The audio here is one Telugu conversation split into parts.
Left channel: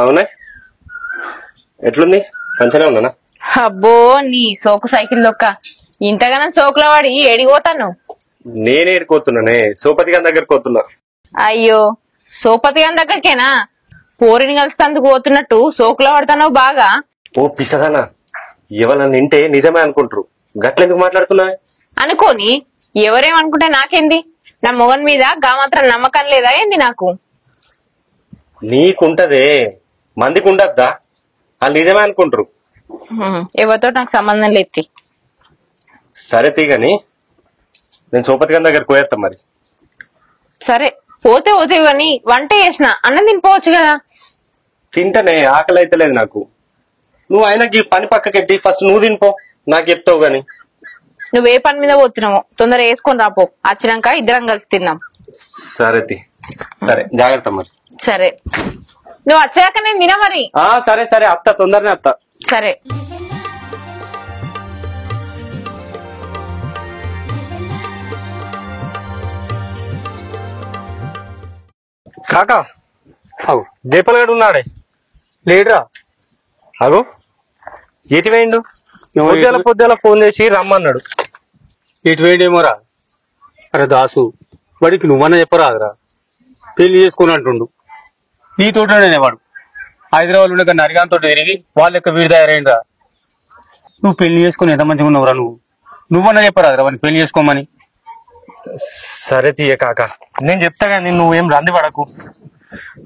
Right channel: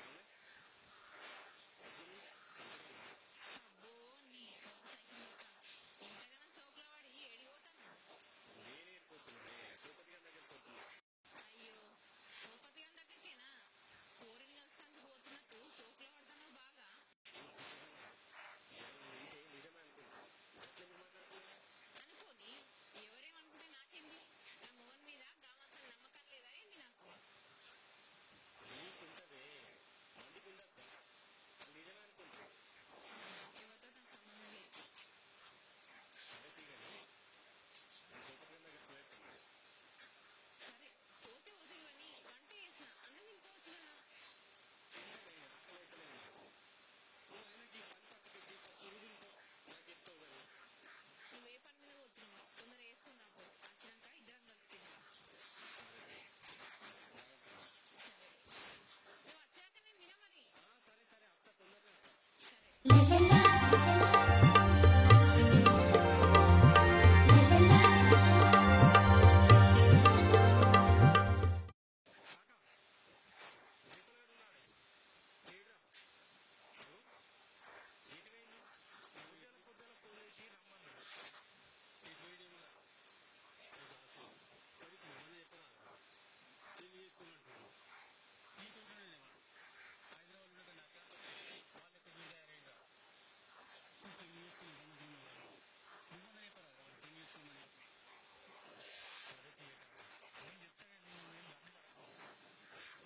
అవునా? ఎట్లుంది? మంచిగా ఉన్నానా? అబ్బో నీ సోకు సైకిల్ దొక్క ఇంతగానో సోకుల వాడి ఎడిపోతాను. నేనే ఏడుకోతున్నానే, సోపతి గారి దగ్గరకు పోతున్నా. అయ్యో సోపతి గారి దగ్గరికేనా? పోరిని కలిసినందుకు పోతున్నట్టు సోకుల పడతానో బాగా. ఓ పిసగానా, ఎవరన్నా నింటే నిజమే అనుకుంటారు. గట్లెందుకు మాట్లాడుతున్నావే? అనుకోని ఎవరేమనుకుంటే నాకేంది? నా మొగన్ మీద గా మాత్రం నమ్మకం లేదా ఏంది నాకు? నీకుంటదే, మందికి ఉండద్దా? వాళ్ళు నిజమే అనుకుంటారు. ఎవరితో నాకు సంబంధం లేదు. సరే తీగని, నేను సోపతి గారి దగ్గరకు పోయేస్తా మరి. సరే పోతే పోతే గాని వంట చేసిన అన్నం తినిపోవచ్చు కదా. తింటనే, ఆకలి అయితే లేదు నాకు. నువ్వు ఆయనకి పని పక్కకెట్టి ఫస్ట్ నువ్వు తినిపో, నాకు చెప్తావు గాని. నువ్వే పని మీద పోతున్నావు, తొందర వేసుకొని రాపో, వచ్చినాక ఇద్దరం కలిసి తిన్నాం. సరే సరే, జాగ్రత్త మరి. సరే నువ్వు వచ్చాక నేను తిన మరి. సరే సరే, అత్త తొందరనే అత్త. సరే కాకా, అవు దీపలగడు ఉన్నాడే లేడురా? అగో ఎటు వేయండు? పొద్దుల ఫోన్ చేసి రమ్మన్నాడు. ఇటు వేయడేమోరా. అరే దాసు, వాడికి నువ్వన్నా చెప్పరాదురా, పెళ్లి చేసుకుని అంటుండు. నీతోటనే వాడు హైదరాబాద్ ఉండే నరిగాంతో తిరిగి వాళ్ళ యొక్క వీడి తయారైందా. నువ్వు పెళ్లి చేసుకుని ఎంత మంచిగా ఉన్నావురా. నువ్వన్నా చెప్పరాదురా వాడిని పెళ్లి చేసుకోమని. సరే తీయ కాక, నేను చెప్తా కానీ నువ్వేం రంది పడకు.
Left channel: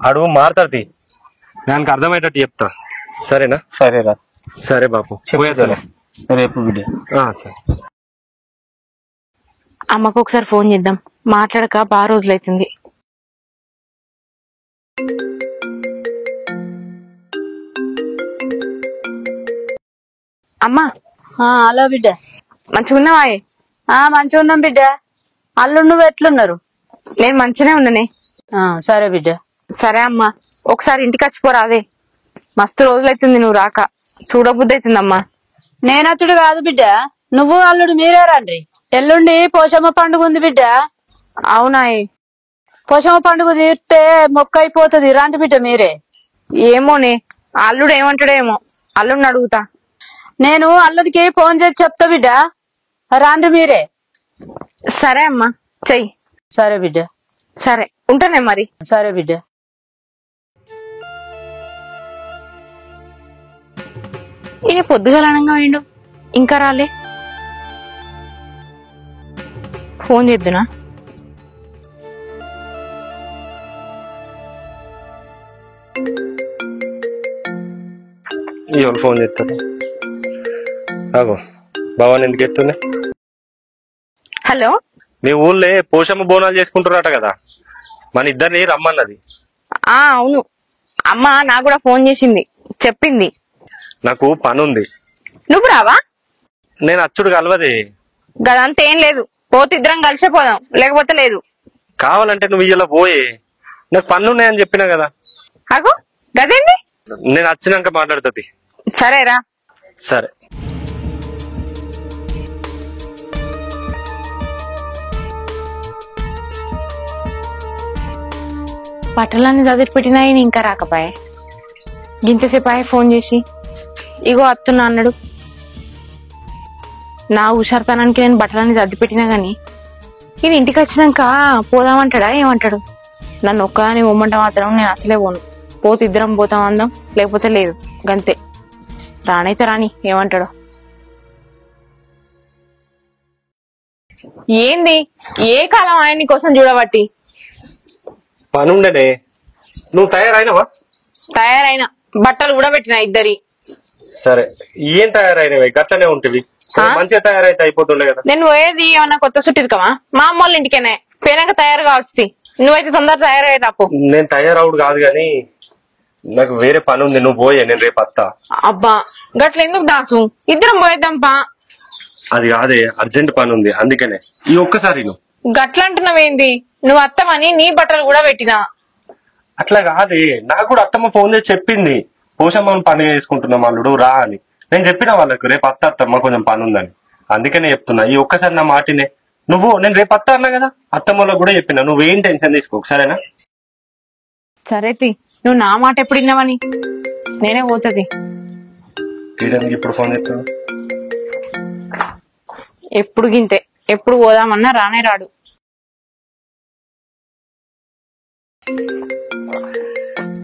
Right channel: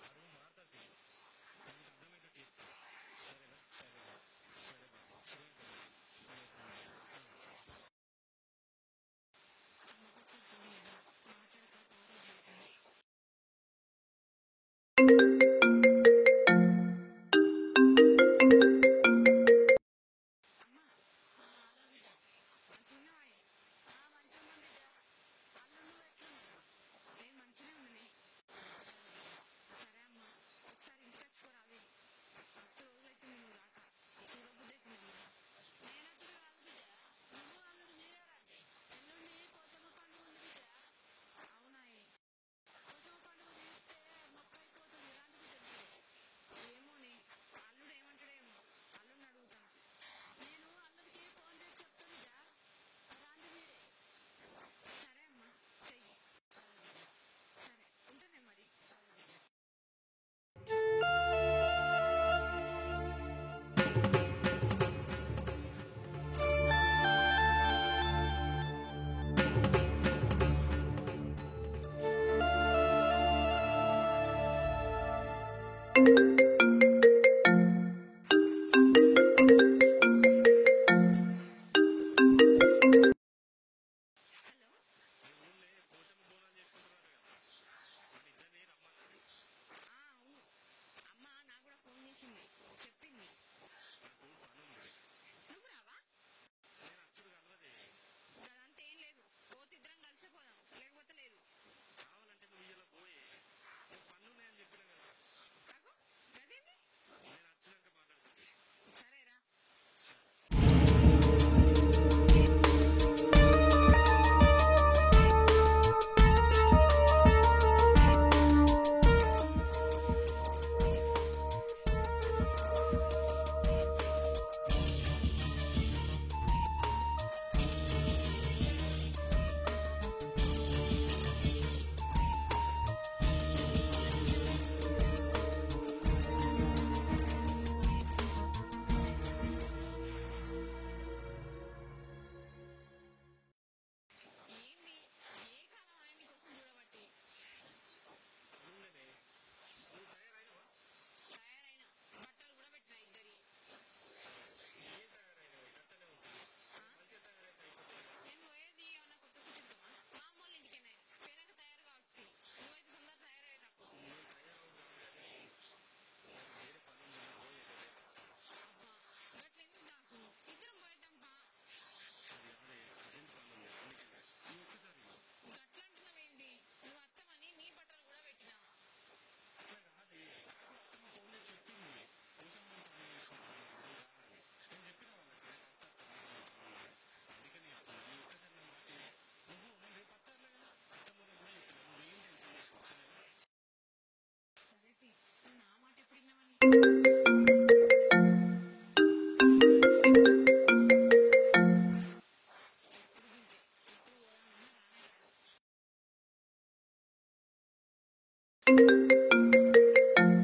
అడుగు మారుతాడు తీ, దానికి అర్థమయ్యేటట్టు చెప్తా. సరేనా? సరేరా. సరే బాపు, పోయేదా రేపు బిడ్డ. సరే. అమ్మకు ఒకసారి ఫోన్ చేద్దాం, మాట్లాడక బాగా రోజులైతుంది. అమ్మా. హలో బిడ్డ. మంచిగున్నావా? మంచిగా ఉన్నాం బిడ్డ. అల్లు నువ్వు ఎట్లున్నారు? నేను మంచిగానే ఉన్నానే. సరే బిడ్డ. సరే అమ్మా, ఒకసారి ఇంటికి వచ్చిపోరాదే, మస్తు రోజులైతుంది నువ్వు రాక, చూడబుద్ధి అవుతుందమ్మా. నేనచ్చుడు కాదు బిడ్డ, నువ్వు అల్లుడు మీరే రండి. ఎల్లుండి పోషమ్మ పండుగ ఉంది బిడ్డ. అవునాయే? పోషమ్మ పండుగ తీరితే మొక్క అయిపోతుంది, రండి బిడ్డ మీరే. ఏమోనే, అల్లుడు ఏమంటాడేమో, అల్లుడిని అడుగుతా. నేను అల్లుడికి ఫోన్ చేసి చెప్తా బిడ్డ, రండి మీరే. సరే అమ్మా, చెయ్యి. సరే బిడ్డ. సరే ఉంటానే మరి. సరే బిడ్డ. ఈయన పొద్దుగలనంగా వేయండు, ఇంకా రాలే. ఫోన్ చేద్దునా? ఎవరు ఫోన్ చేస్తారు? అగో భవాన్ ఎందుకు ఎత్తుంది? హలో, మీ ఊళ్ళో పోషమ్మ బోనాలు చేసుకుంటున్నారట కదా, మన ఇద్దరిని రమ్మన్నది. అవును, అమ్మ నాకు కూడా ఫోన్ చేసింది, చెప్పింది. నాకు పని ఉంది. నువ్వు రావా? నేను అచ్చుడు కలవదే. గదంతా ఏం లేదు, పోతే ఇద్దరం కలిసే పోదాం, లేకపోతే లేదు. కావాలంటే నువ్వు ఇలా పోయే, నాకు పనులు ఉన్నాయని చెప్పినా కదా. అగో గదేంది? నేను వచ్చినాక మాట్లాడుతుంది. సరేరా. సరే. బట్టలన్నీ చదివి పెట్టినాయి, ఇంకా రాకపోయే. ఇంతసేపు అయ్యే ఫోన్ చేసి ఇగో అత్తున్నా అన్నాడు. నా హుషారుతనానికి నేను బట్టలన్నీ సర్ది పెట్టినా గాని ఇది ఇంటికి వచ్చినాక పోదామంటాడా ఏమంటాడు? నన్ను ఒక్కదాని పోమంట మాత్రం నేను అసలే పోను. పోతే ఇద్దరం పోతాం అందాం, లేకపోతే లేదు, గంతే. రానైతే రాని, ఏమంటాడు? ఏంది ఏ కాలం ఆయన కోసం చూడబట్టి? పని ఉండనే. నువ్వు తయారైనవా? తయారైన, బట్టలు కూడా పెట్టిన ఇద్దరి. సరే, ఏం తయారైనవి? గట్లనే ఉంటుంది, మంచిగా తయారైతే అయిపోతుండే కదా. నేను పోయేది ఏమన్నా కొత్త చుట్టిరుకమా? మా అమ్మ వాళ్ళ ఇంటికేనే, పోయినాక తయారు కావచ్చు. నువ్వైతే తొందర తయారయ్యే రాపో. నేను తయారవుడు కాదు గాని నాకు వేరే పని ఉంది, నువ్వు పోయే, నేను రేపు వస్తా. అబ్బా గట్ల ఎందుకు దాసు, ఇద్దరం పోయేద్దాంపా. అది కాదే, అర్జెంట్ పని ఉంది, అందుకనే. ఈ ఒక్కసారి నువ్వు గట్ల అంటున్నావేంది? నువ్వు అత్తమని నీ బట్టలు కూడా పెట్టినా. అట్లా కాదే, నాకు కూడా అత్తమ్మ ఫోన్ చేసి చెప్పింది, పోషమ్మని పని చేసుకుంటున్నాం అల్లుడు రా అని. నేను చెప్పిన వాళ్ళకు రేపు అత్తమ్మ కొంచెం పని ఉందని, అందుకనే చెప్తున్నా. ఈ ఒక్కసారి నా మాటినే. నేను రేపు అత్త అన్నా కదా, అత్తమ్మలో కూడా చెప్పినా, నువ్వేం టెన్షన్ తీసుకో, సరేనా? సరే నువ్వు నా మాట ఎప్పుడు విన్నావని నేనే పోతుంది. వీడెందుకు ఇప్పుడు ఫోన్ చేస్తాడు? ఎప్పుడు గింతే, ఎప్పుడు పోదామన్నా రానే రాడు.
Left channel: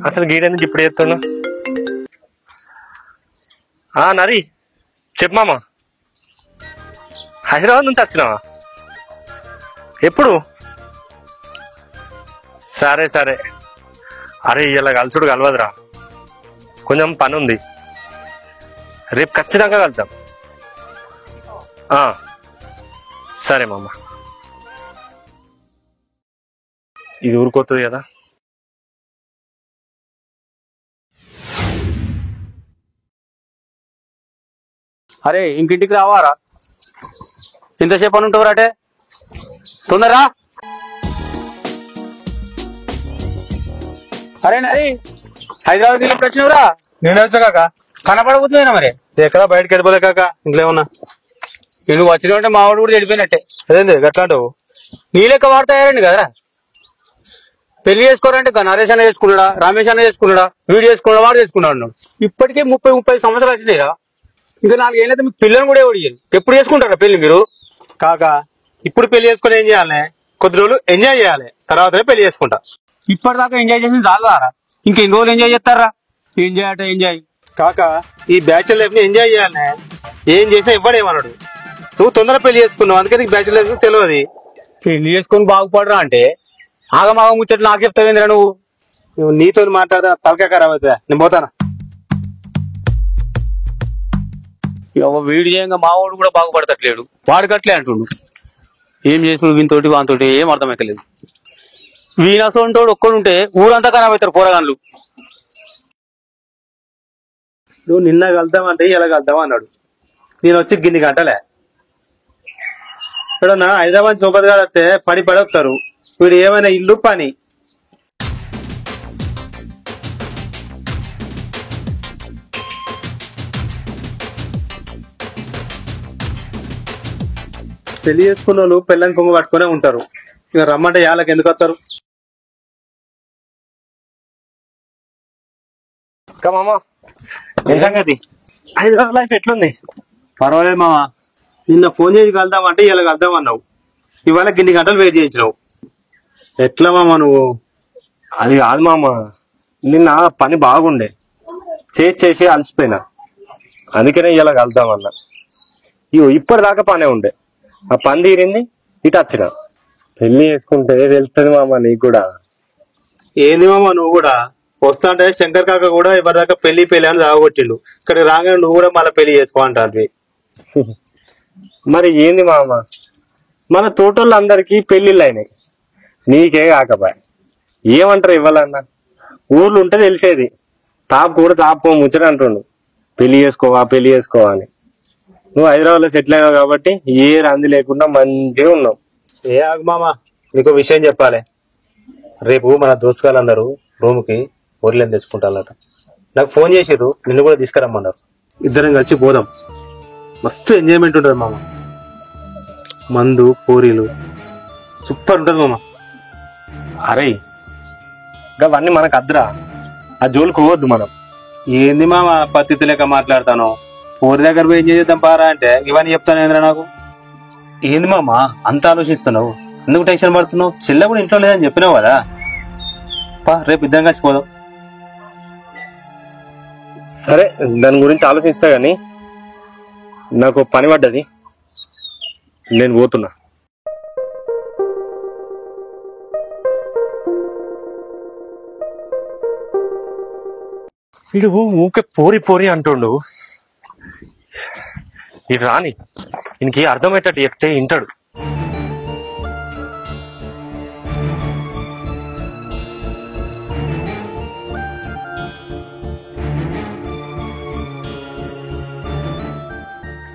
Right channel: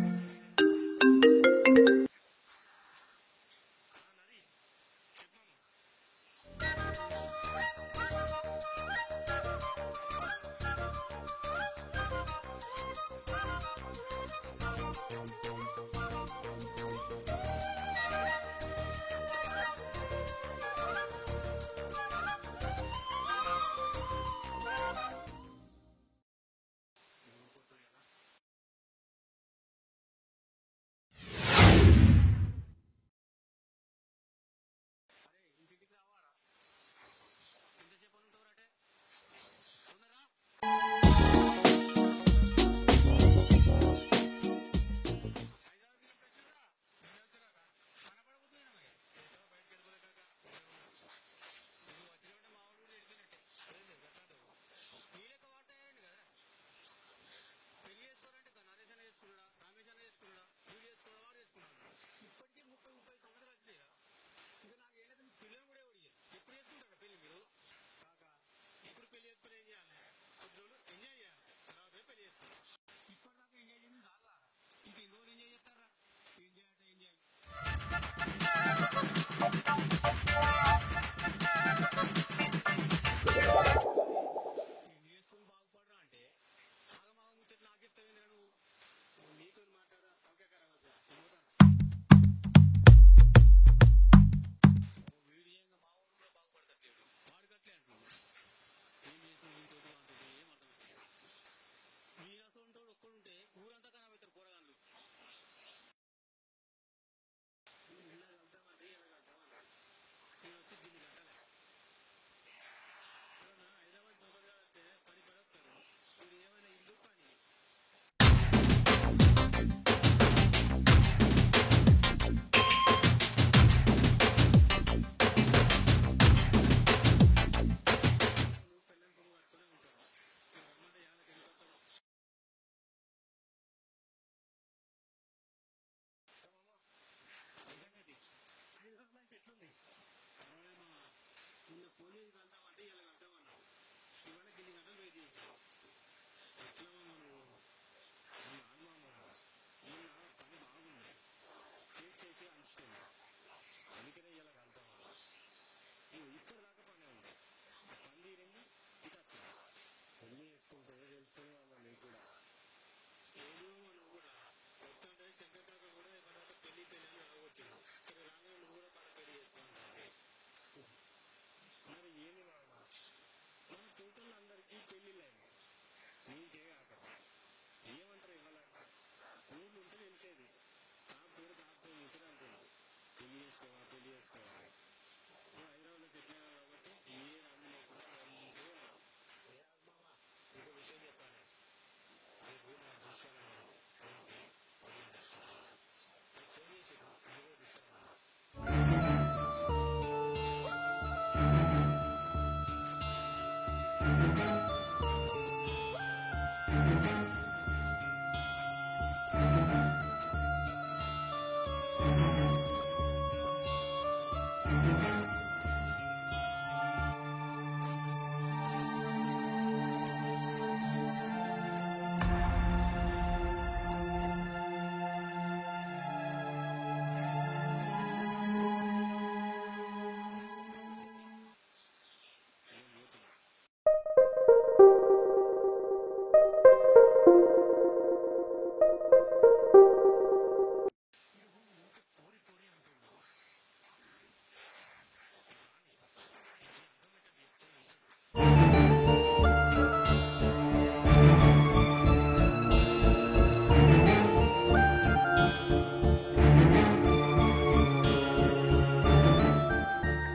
అసలు గీడెందుకు ఇప్పుడు చేస్తాను? నరి చెప్పు మామ, హైదరాబాద్ నుంచి వచ్చినావా? ఎప్పుడు? సరే సరే. అరే ఇలా కలుసుడు కలవదురా, కొంచెం పని ఉంది. రేపు ఖచ్చితంగా కలుద్దాం. సరే మామ. ఇది ఊరుకోతుంది కదా. అరే ఇంకింటికి రావారా? ఎంతసేపు అని ఉంటావు రాటే? తొందరరా. అరే నరి హైదరాబాద్కి ఎప్పుడు వచ్చినవురా? నేను వచ్చా కాక. కనపడబోతుందేనా మరి? ఎక్కడ బయటకి వెళ్ళిపోలే కాక, ఇంట్లో ఏమన్నా. నువ్వు వచ్చినట్టే మా వాడు కూడా చెడిపోయినట్టే. అదేంది గట్లాంటావు? నీ లెక్క వాడతాయారండి కదరా. పెళ్లి చేసుకోరంటే నరేష్ అన్న చేసుకున్నాడా, రమేష్ అన్న చేసుకున్నాడా, వీడు చేసుకున్నాడా, వాడు చేసుకున్నాడు. ఇప్పటికే 30 సంవత్సరాలు వచ్చినాయిరా. ఇంకా 4 ఏళ్ళైతే మీకు పిల్లలు కూడా ఎవరు ఎప్పుడు చేసుకుంటారా పెళ్లి మీరు? కాక ఇప్పుడు పెళ్లి చేసుకుని ఏం చేయాలి? కొద్ది రోజులు ఎంజాయ్ చేయాలి, తర్వాతనే పెళ్లి చేసుకుంటా. ఇప్పటిదాకా ఎంజాయ్ చేసిన చాలారా, ఇంకెన్ని రోజులు ఎంజాయ్ చేస్తారా? ఎంజాయ్ అంటే ఎంజాయ్ కాక ఈ బ్యాచులర్ లైఫ్ ని ఎంజాయ్ చేయాలి. ఏం చేసినా ఇవ్వడేమన్నాడు. నువ్వు తొందర పెళ్లి చేసుకున్నావు, అందుకే నీకు బ్యాచులర్ లైఫ్ తెలియదు. పెళ్లి చేసుకొని బాగుపడరా అంటే ఆగమాగ ముచ్చట్లు నాకు చెప్తావేంద్రా నువ్వు? నువ్వు నీతో మాట్లాడతా తలకాయ ఖరాబ్ అవుతుందా? నేను పోతానా? వీడి చేయంగా మా వాడు కూడా బాగుపడతట్లేడు, వాడికట్లే అంటుండు. ఏం చేసిన వీనితోటి వానితోటి ఏం అర్థమైతలేదు. వీనసోంటోడు ఒక్కడుంటే ఊరంతా ఖరాబ్ అవుతారు పోరగాన్లు. నువ్వు నిన్న కలుద్దామంటే ఇలా కలుద్దాం అన్నాడు. నేను వచ్చి గిన్ని గంటలే. ఇక్కడ హైదరాబాద్ చౌకత్ గారు వస్తే పడి వస్తారు. వీడు ఏమైనా ఇల్లు పని. పెళ్లి చేసుకున్న వాళ్ళు పెళ్ళని కొంగ పట్టుకునే ఉంటారు. ఇక రమ్మంటే యాళ్ళకి ఎందుకు వస్తారు? మామ ఏం సంగతి? హైదరాబాద్ లైఫ్ ఎట్లుంది? పర్వాలేదు మామ. నిన్న ఫోన్ చేసి కలుద్దామంటే ఇలా కలుద్దాం అన్నావు. ఇవాళ గిన్ని గంటలు వెయిట్ చేయించినావు. ఎట్లా మామ నువ్వు? అది కాదు మామ, నిన్న పని బాగుండే, చేసి అలసిపోయినా, అందుకనే ఇలా కలుద్దామన్నా. ఇప్పటిదాకా పనే ఉండే, ఆ పని తీరింది, ఇటు వచ్చిన. పెళ్లి చేసుకుంటే వెళ్తుంది మామ నీకు కూడా. ఏంది మామ నువ్వు కూడా? వస్తా అంటే శంకర్ కాక కూడా ఎవరిదాకా పెళ్లి అని రాగొట్టిండు. ఇక్కడికి రాగానే నువ్వు కూడా మళ్ళీ పెళ్లి చేసుకో అంటారు. మరి ఏంది మామ, మన తోటోళ్ళందరికీ పెళ్లిళ్ళు అయినాయి, నీకే కాకపోయా. ఏమంటారు ఇవ్వాలన్నా? ఊర్లు ఉంటే తెలిసేది, కూడా తాపుకో ముచ్చట అంటుండు, పెళ్లి చేసుకోవా అని. నువ్వు హైదరాబాద్ లో సెటిల్ అయినావు కాబట్టి ఏ రంది లేకుండా మంచిగా ఉన్నావు. ఏ ఆగు మామ, నీకు విషయం చెప్పాలి. రేపు మన దోస్తుగాళ్ళందరూ రూమ్కి ఊర్లేని తెచ్చుకుంటారట. నాకు ఫోన్ చేసిర్రు, నిన్ను కూడా తీసుకురమ్మన్నారు. ఇద్దరం కలిసి పోదాం, మస్తు ఎంజాయ్మెంట్ ఉంటుంది మామ. మందు పూరీలు సూపర్ ఉంటుంది మామ. అరే అవన్నీ మనకు అద్దురా, ఆ జోలికి పోవద్దు మనం. ఏంది మామ పద్ధతి లేక మాట్లాడతాను? ఊరి దగ్గర పోయి ఏం చేద్దాం పారా అంటే ఇవన్నీ చెప్తాను ఏంద్రా నాకు. ఏంది మామ అంత ఆలోచిస్తున్నావు? ఎందుకు టెన్షన్ పడుతున్నావు? చెల్లె కూడా ఇంట్లో లేదని చెప్పినావు కదా. రేపు ఇద్దరం కలిసి పోదాం. సరే దాని గురించి ఆలోచిస్తా గాని నాకు పని పడ్డది, నేను పోతున్నా. వీడు ఊకే పోరి అంటుండు. ఇది రాని ఇంక అర్థమయ్యేటట్టు చెప్తే వింటాడు.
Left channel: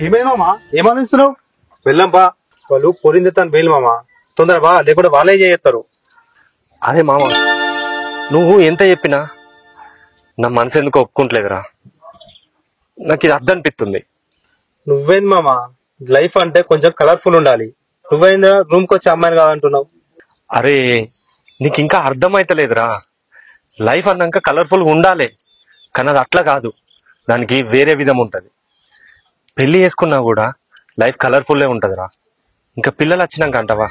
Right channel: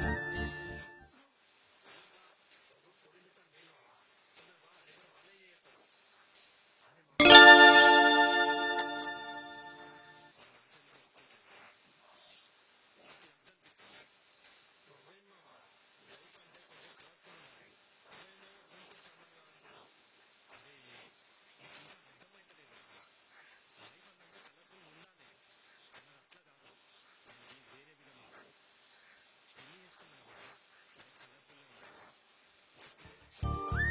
ఏమైంది మామ, ఏమనిస్తున్నావు? వెళ్ళంపా, వాళ్ళు పొరింది తను బయలు మామ. తొందర బా, లేకుండా వాళ్ళే చేస్తారు. అదే మామ, నువ్వు ఎంత చెప్పినా నా మనసు ఎందుకు ఒప్పుకుంటలేదురా. నాకు ఇది అర్థం అనిపిస్తుంది. నువ్వేంది మామ, లైఫ్ అంటే కొంచెం కలర్ఫుల్ ఉండాలి. నువ్వేందా రూమ్కి వచ్చి అమ్మాయిని కాదంటున్నావు? అరే నీకు ఇంకా అర్థమైతలేదురా. లైఫ్ అన్నాక కలర్ఫుల్ ఉండాలి, కానీ అది అట్లా కాదు, దానికి వేరే విధం ఉంటది. పెళ్లి చేసుకున్నా కూడా లైఫ్ కలర్ఫుల్లే ఉంటదిరా. ఇంకా పిల్లలు వచ్చినాక అంటావా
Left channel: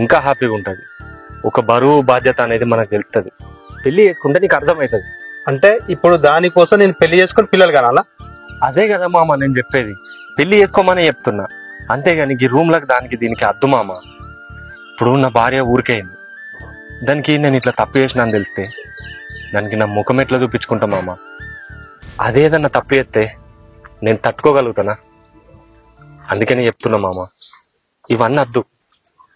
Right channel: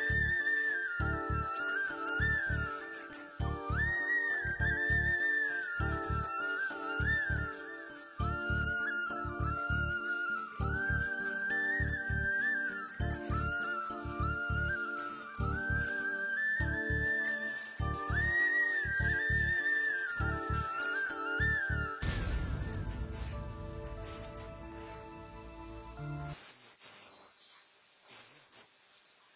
ఇంకా హ్యాపీగా ఉంటది. ఒక బరువు బాధ్యత అనేది మనకు తెలుస్తుంది. పెళ్లి చేసుకుంటే నీకు అర్థమవుతుంది. అంటే ఇప్పుడు దానికోసం నేను పెళ్లి చేసుకుని పిల్లలు కనాలా? అదే కదా మామ నేను చెప్పేది, పెళ్లి చేసుకోమని చెప్తున్నా. అంతేగాని ఈ రూమ్లకు దానికి దీనికి అద్దు మామ. ఇప్పుడు నా భార్య ఊరికైంది, దానికి నేను ఇట్లా తప్పు చేసినా అని తెలిస్తే దానికి నా ముఖం ఎట్లా చూపించుకుంటా మామ. అదేదన్నా తప్పు చేస్తే నేను తట్టుకోగలుగుతానా? అందుకని చెప్తున్నా మామ, ఇవన్నీ అద్దు.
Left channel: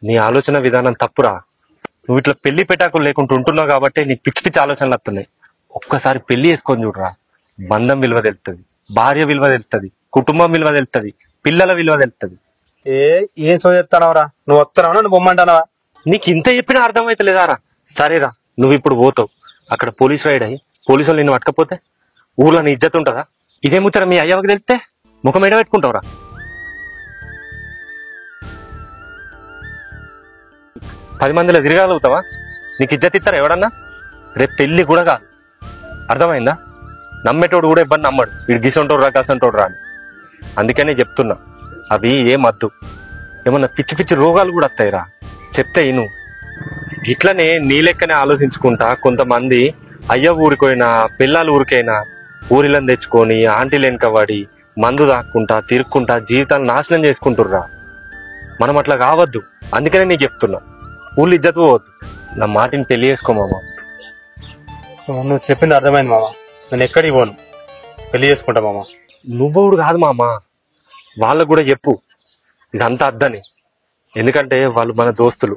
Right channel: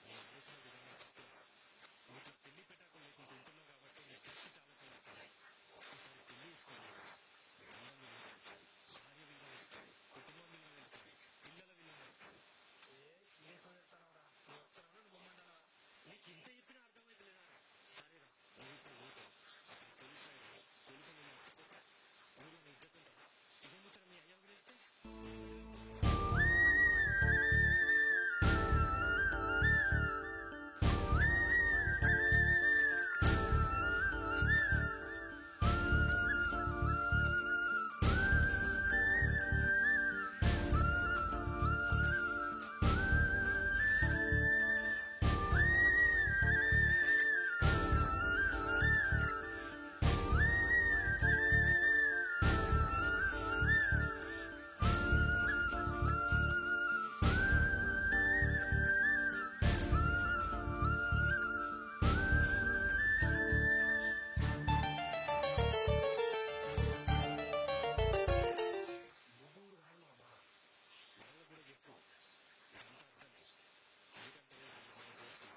నీ ఆలోచన విధానం తప్పురా. నువ్వు ఇట్లా పెళ్లి పెటాకులు లేకుండా ఉంటున్నావు కాబట్టి నీకు పిచ్చి పిచ్చి ఆలోచనలు వస్తున్నాయి. ఒక్కసారి పెళ్లి చేసుకొని చూడరా, బంధం విలువ తెలుస్తుంది, భార్య విలువ తెలుస్తుంది, కుటుంబం విలువ తెలుస్తుంది, పిల్లల విలువ తెలుస్తుంది. ఏం సోదెత్తానవరా? నువ్వు వస్తున్నావా నువ్వు బొమ్మంటానవా? నీకు ఇంత చెప్పినా అర్థమైతలేదారా? సరేరా, నువ్వు ఇప్పుడు పోతావు, అక్కడ పోలీస్ రైడ్ అయ్యి పోలీసులు నిన్ను పట్టకపోతే ఊర్లో నీ ఇజ్జత్ ఉంటుందా? ఇదే ముచ్చట మీ అయ్యవకి తెలిస్తే ముఖం ఎడ పెట్టుకుంటావురా? 10 మందిలో తిరగలుగుతావా? నీకు ఇజ్జత్ ఇస్తారా ఎవడన్నా? రేపు పెళ్లి కూడా కాదు, అర్థమైందా? నమ్మేటోడు కూడా ఇబ్బంది నమ్మడు, వీడు గిసంటోడు రా గసంటోడు రా అని. అందుకనే చెప్తున్నా, అవి ఏమద్దు. ఏమన్నా పిచ్చి పిచ్చి రోగాలు కూడా వస్తాయిరా, చెప్తే ఇను. ఇట్లనే నీ లెక్కనే ఆలోచించుకుంటా కొంతమంది అయ్య ఊరికైనా పిల్లలు ఊరికైనా ఊరిలను తెచ్చుకొని ఆంటీలు వెనకబడి మందు దాక్కుంటా తిరుక్కుంటా జీవితాలు నాశనం చేసుకుంటుర్రా. మనం అట్లా కావద్దు. అందుకనే నీకు చెప్తున్నా, ఊళ్ళు ఇజ్జత్ పోవద్దు. నా మాటిని పెళ్లి చేసుకో మామ. నువ్వు చెప్పింది అర్థమైంది మామ, నేను ఎక్కడికి పోను, పెళ్లి చేసుకుంటా మామ. నువ్వుడు కాదు మామ, వాళ్ళకు కూడా చెప్పు ఇదంతా అద్దని. ఎందుకంటే వాళ్ళు మన దోస్తులు,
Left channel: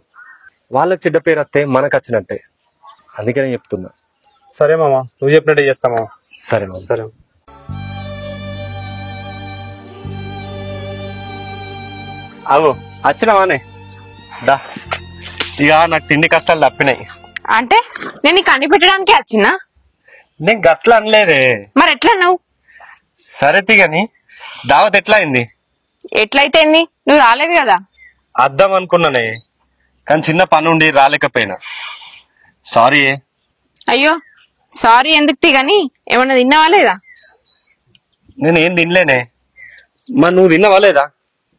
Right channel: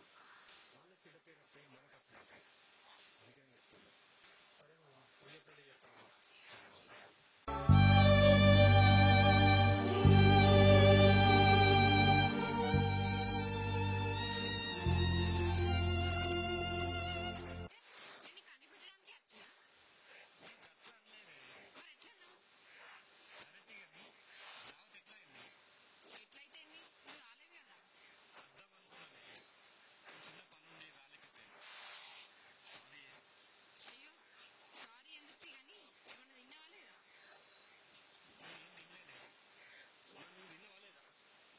వాళ్ళకి చెడ్డ పేరు వస్తే మనకు వచ్చినట్టే. అందుకనే చెప్తున్నా. సరే మామ, నువ్వు చెప్పినట్టే చేస్తా మామ. సరే మామ. సరే. అవు వచ్చినావానే దా. ఇక నాకు తిండి కష్టాలు తప్పినాయి. అంటే నేను నీకు అన్ని పెట్టడానికే వచ్చినా? నేను గట్ల అనలేదే. మరి ఎట్లా నువ్వు? సరే తిగని, దావత్ ఎట్లా అయింది? ఎట్లయితే నువ్వు రాలేదు కదా. అద్దాం అనుకున్నానే, కానీ చిన్న పని ఉండి రాలేకపోయినా. సారీ. అయ్యో సారీ ఎందుకు తిగని, ఏమన్నా తిన్నావా లేదా? నేనేం తినలేనే. మరి నువ్వు తిన్నావా లేదా?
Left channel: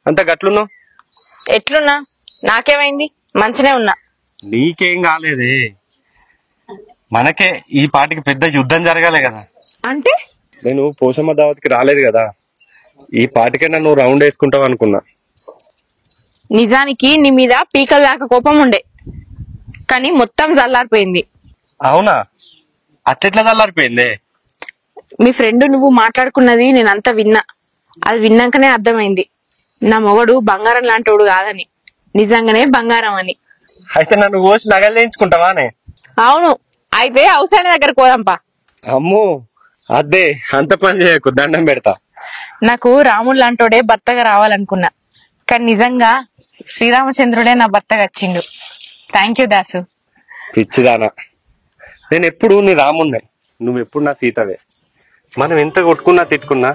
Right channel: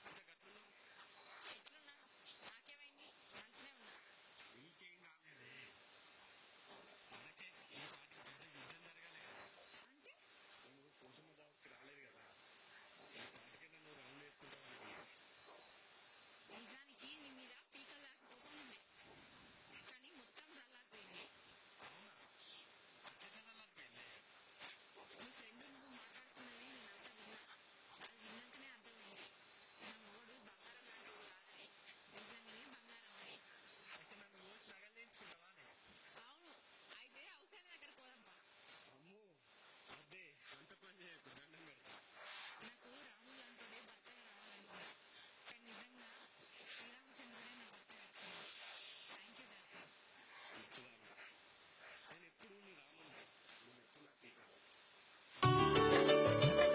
అంత గట్లున్నావు. ఎట్లున్నా? నాకేమైంది? మంచినే ఉన్నా. నీకేం కాలేదే, మనకే ఈ పాటికి పెద్ద యుద్ధం జరగాలి కదా. అంటే నేను పోషమ్మ దావత్కి రాలేదు కదా, ఈ పాటికైనా నువ్వు రౌండ్ వేసుకుంటావు అనుకున్నా. నిజానికి నీ మీద పీకల దాకా కోపం ఉండే, కానీ మొత్తం చల్లారిపోయింది. అవునా? అట్లెట్లా చల్లారిపోయిందే? మీ ఫ్రెండ్ నువ్వు మాట్లాడుకున్నది నేనంతా విన్నా. అది విన్నాకనే అర్థమైంది నా మొగడు బంగారం లాంటోడు కాదని, నిజంగానే బంగారం అని. అయితే నన్ను కోసి నగలు చేయించుకుంటావానే? అవును, అయితే అవసరం దగ్గర పోదాంపా. అమ్మో అదే, అంత పని చేయకు, దండం పెడతా. నాకు రాముడు లాంటోడే భర్తగా రావాలనుకున్నా, కానీ నిజంగా శ్రీరామచంద్రుడే నా భర్తగా వచ్చిండు. Thank you Dasu. పిచ్చిదానా, నేను ఎప్పుడు నీ రామున్నే, నువ్వు ఎప్పుడు నా సీతవే. మనం ఎంత కొట్టుకున్నా తిట్టుకున్నా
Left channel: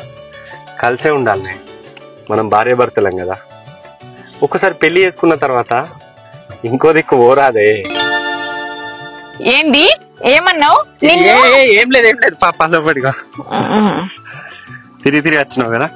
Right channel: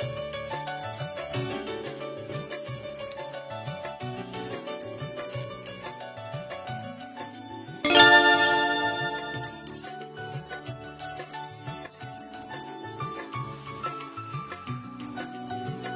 కలిసే ఉండాలి. మనం భార్య భర్తలం కదా. ఒక్కసారి పెళ్లి చేసుకున్న తర్వాత ఇంకో దిక్కు ఓరాదే. ఏంటి ఏమన్నావు? ఏం లేదు పాప, తిరిగి తిరిగి వచ్చినావు కదా.